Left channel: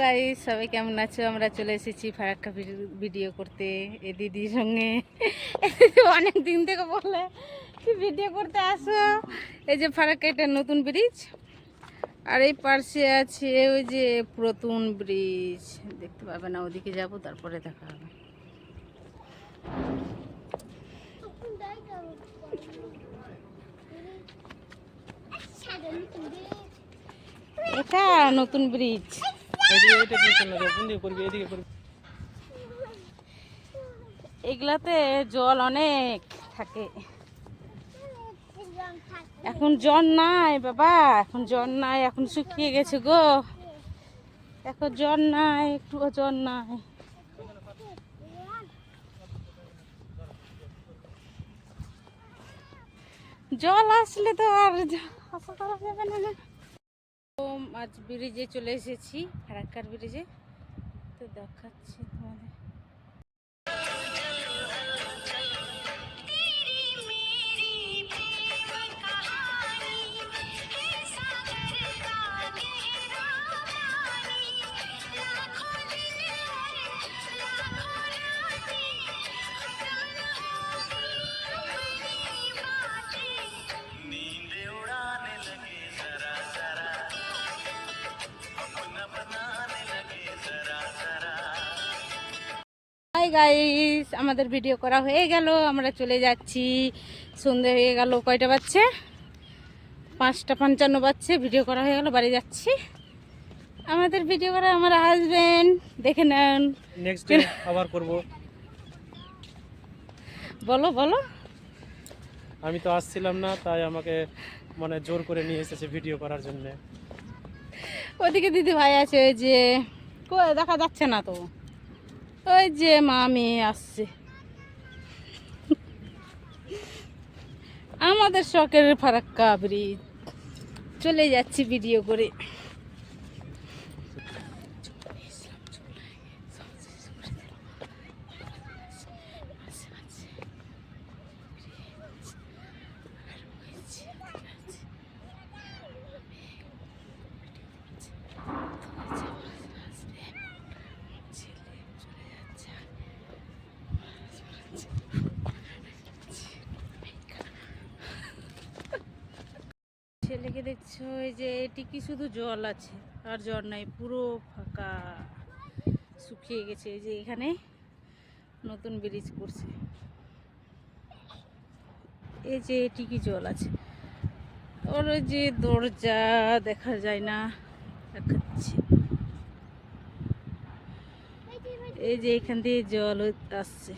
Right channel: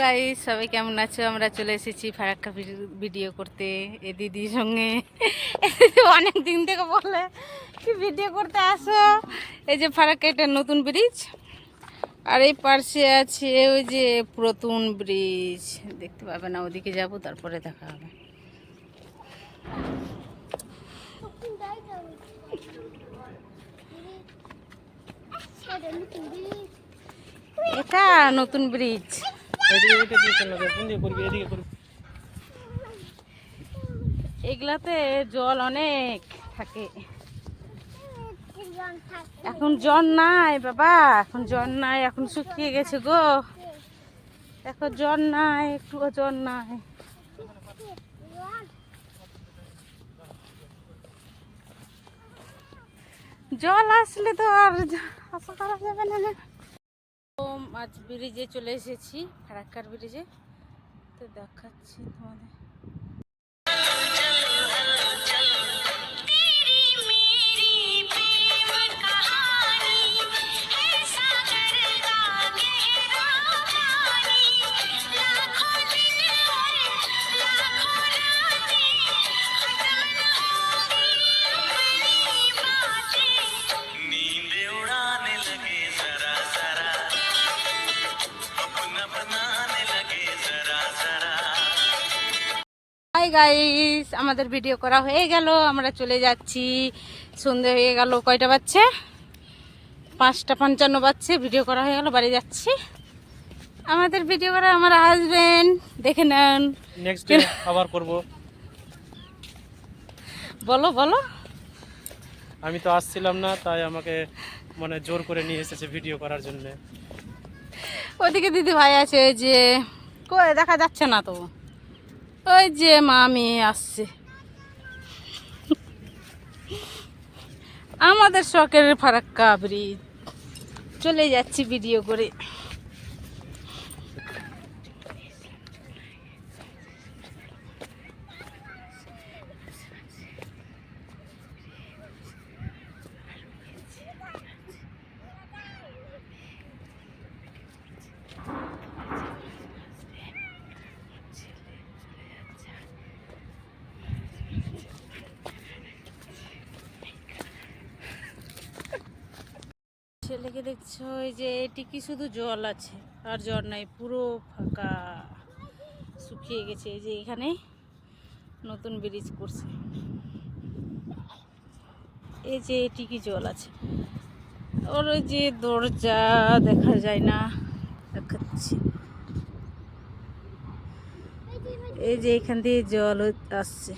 Guys, সবাই কেমন আছো? আমরা চলে এসেছি ফারাক্কা ভিডিও করতে এই দিদির সঙ্গে। অনেক দিন থেকে বলে কি ভিডিও করতে আসো। এই যে ফারাক্কা, এটা নতুন ব্রিজ, আর এই পাশে আছে ওই যে পুরাতন ব্রিজ, দেখতে পাবে না। ওদিকে যাব, তারপরে দেখা হবে। এটা নতুন ব্রিজ। এগুলাতে জল অনেক থাকে। এখন জল নাই বাবা, এখন জল নাই, এখন শুকিয়ে গেছে গো। এখন জল নাই, একটুও জল নাই। জল আসলে তো আর আশা করা যাবে না। আজ ব্রিজে চলে এসেছি, ফারাক্কার ব্রিজে, তো দেখাচ্ছি তোমাদের। হাই গাইস, আমাদের ভিডিও করা হয়ে গেল, আমরা চলে যাচ্ছি। সন্ধে হয়ে গেল, কয়টা বাজছে? 5:55 বাজছে। ভিডিও করা হয়ে গেল, বাড়ি যাচ্ছি। আমাদের ভিডিও করা আমার হাজবেন্ড, দেখে নেন। নেক্সট ডে আবার করব। বলো বলো। আমি তো আসছিলাম না, তাই আমাকে মানে জোর করে নিয়ে এসেছে ভিডিও করার জন্য। ওদিকে দিদি ভাই আছে, ওই যে কই দেখা যাচ্ছে না তো, ওই যে মামি আসছে। আমাদের শখের ফারাক্কা ব্রিজ চলে যাচ্ছি ভিডিও করে। ছেলেকে দেখছো, ওই যে এটি কি শুধু জল আছে আর জল নাই, পুরো ফাঁকা, শুকিয়ে গেছে। এই যে এখানে নতুন ব্রিজ করছে, এই যে এটি কি জল আছে, ওর ওই যে দরজা দেখা যায় না, দেখাচ্ছি। এই যে এখান দিয়ে জল আসছে।